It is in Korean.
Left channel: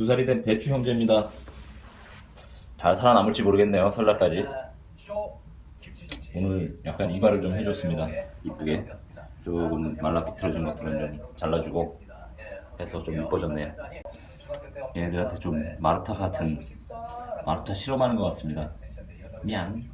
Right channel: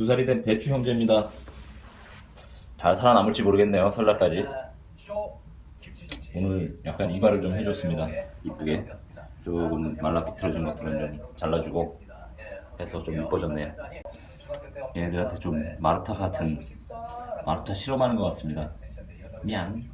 두 살이 된 배추 형제입니다. 잘 살아남을지 모르겠네요. 설날까지. 오늘 약간 이발을 좀 해줬습니다. 이쁘게. 조금 말라 비틀어진 것들은 좀 잘라주고 해서 좀 이뻐졌네요. 얘네들한테 좀 마르타 같은 마르타 실험하는 것 같습니다. 미안.